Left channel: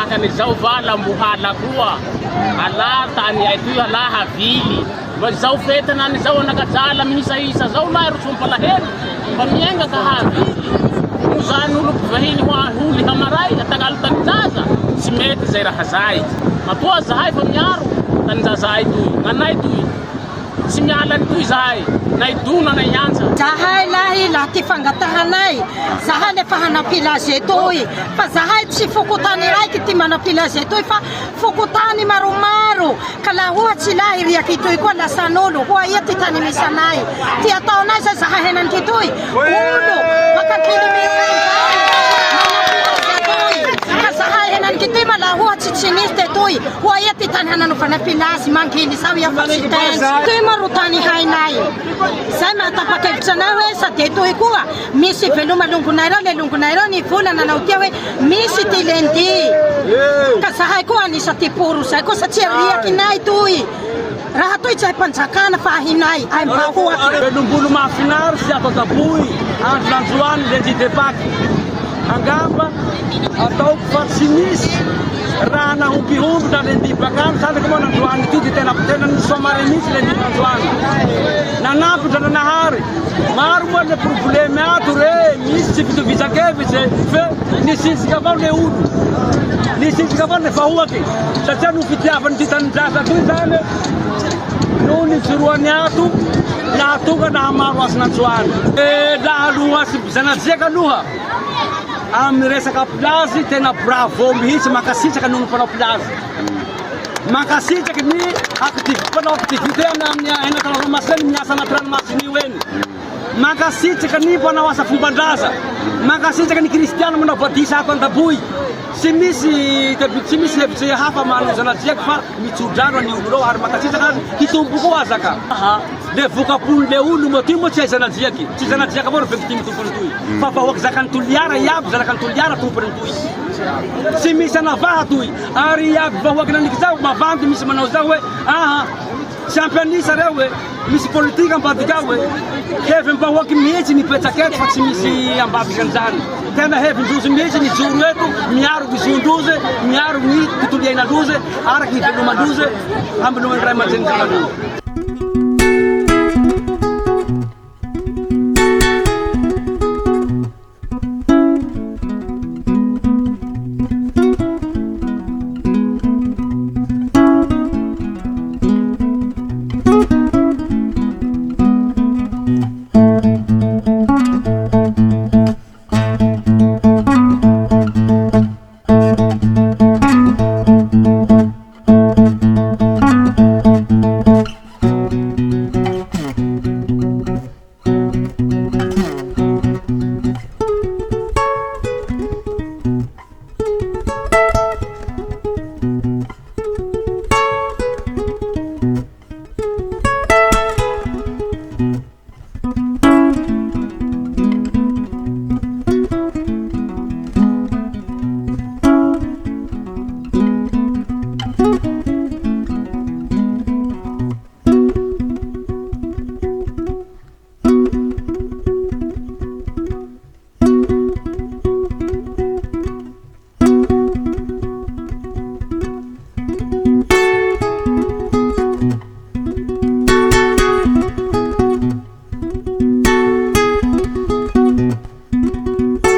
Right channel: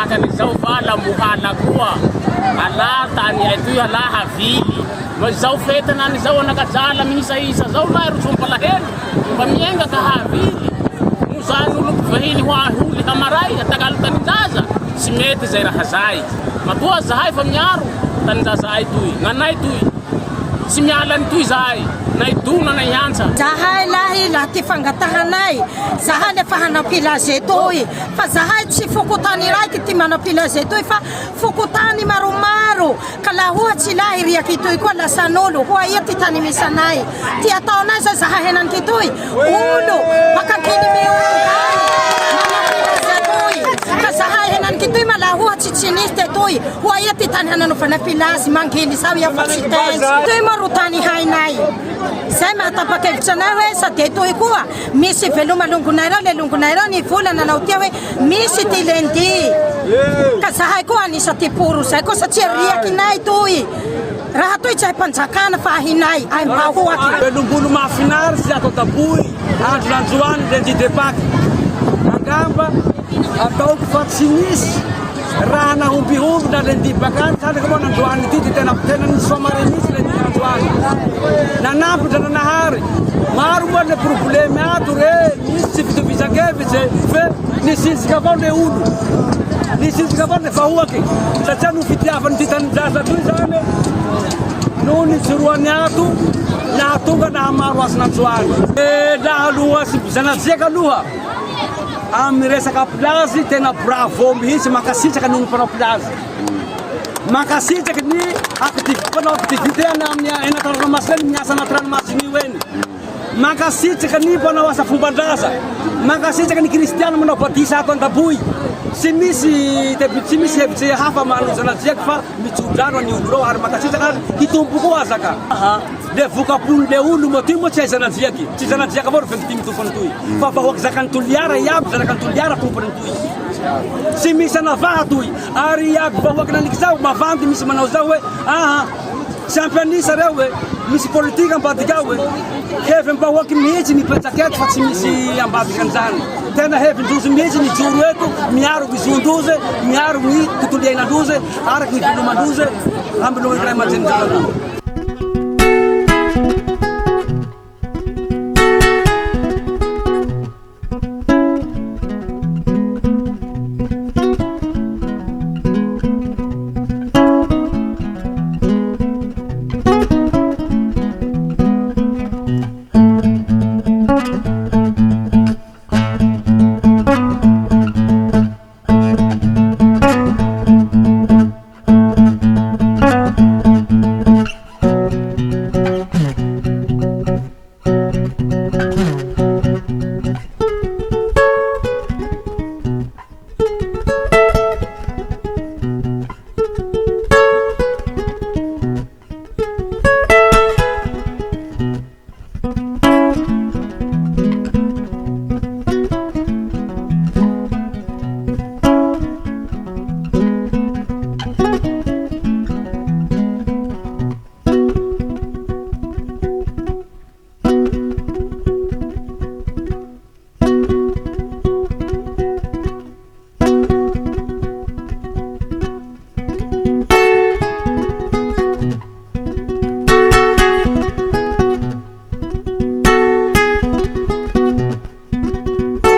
manaka an'izao va lambohala koa ala tany aty ala havily zao fetana an'izao anakajala miisa zao lahy rosompalahelo mba mienga ka havily mozany olo mpivahiny holy hamaray atagalo taninjaza tsy mety zay raha zay matoa zahay fa miaro taninjaza ay toy nganay toy tsy miala ny toy zahay nay dona nay hantsa zahay lahy la ty fangatahanay zahay le fa hanapilaze toy fa zahay tsy fokotany raiky ty manapilaze toy fa fokotany maromaro ka la ohatsy lahy riaky toy koa lasan'olo hoa ia ty tany misanay ty ataonay zay zahay henany toy olo pakakily miongay manapilaze toy ka zahay henany toy ma la ohatsy tsy nisy te toy hoa ia ty tany hananaovana pilazy mangily sao ia fa tsy tenzy toy marotany hainay zay mahatapakevitra anay hoe sady toy koa misy veloma longonay rao le longonay rao ny volana nanao tia hoe misy ty lendi ka zahay koa anisa ty poro zay koa satria riakinay toy raha toy tsy hay mpanjakana fa ahinay ay mbahoaky velombolo mahafinaritsy sy atao taboy andro nanjoany lendi depaky angamba ataoko fa tsy misy raha nahompihomby na lendi bakany tandraka moa nanjoany ty ty tena nisy famare misy lendi nanjoany nanampy dra nanahary maro moa le problemy ato re misy tsy fitovizakevitse fe nisinjika avao le olo nisinjika avao le vahoaky satria no fitiavany ty taninjaza toy zany no nitsoroany ato nahatonga nahamaro azy nanjoany laha aloha sy zanajiaka aloha amin'ny resaka plazy tena bravo mihitsy makasitraka noho ny mpanao plazy makasitraky ny mpanao activité amin'ny enatanranomasiny miasa anaty ranomasiny io eny makasitraka ny mpanao asa fomban-draza makasitraka ny kristiana manao badisa ato an-daboy tsy misy hevitsy hafa manozanajiaky fa mitsodrano ny olo reo ary makasitraka ary hitombo koa azaka le vokapon'le olo moa ty moa tsy hay zanajiaky tsy zanajiaky avao ro victime tompony toy fa vahoaky zakany toliara iaby zanakany toliara tompony toy tsy misy anavaha toy ary iaby vahoaky naniky zao mavandy misy manao zao hoe championnisa reo hoe misy politika ambadiky ao hoe hevy mbahoaky mihitsy mipetraketo fa tsy misy ambadiky an'izany tena hevindrozy mihitsy ny joro eto miaro bizondrozy miaro ny totoliainandrozy araky ny velomandrozy ambinony ray aman-jeninjenandrozy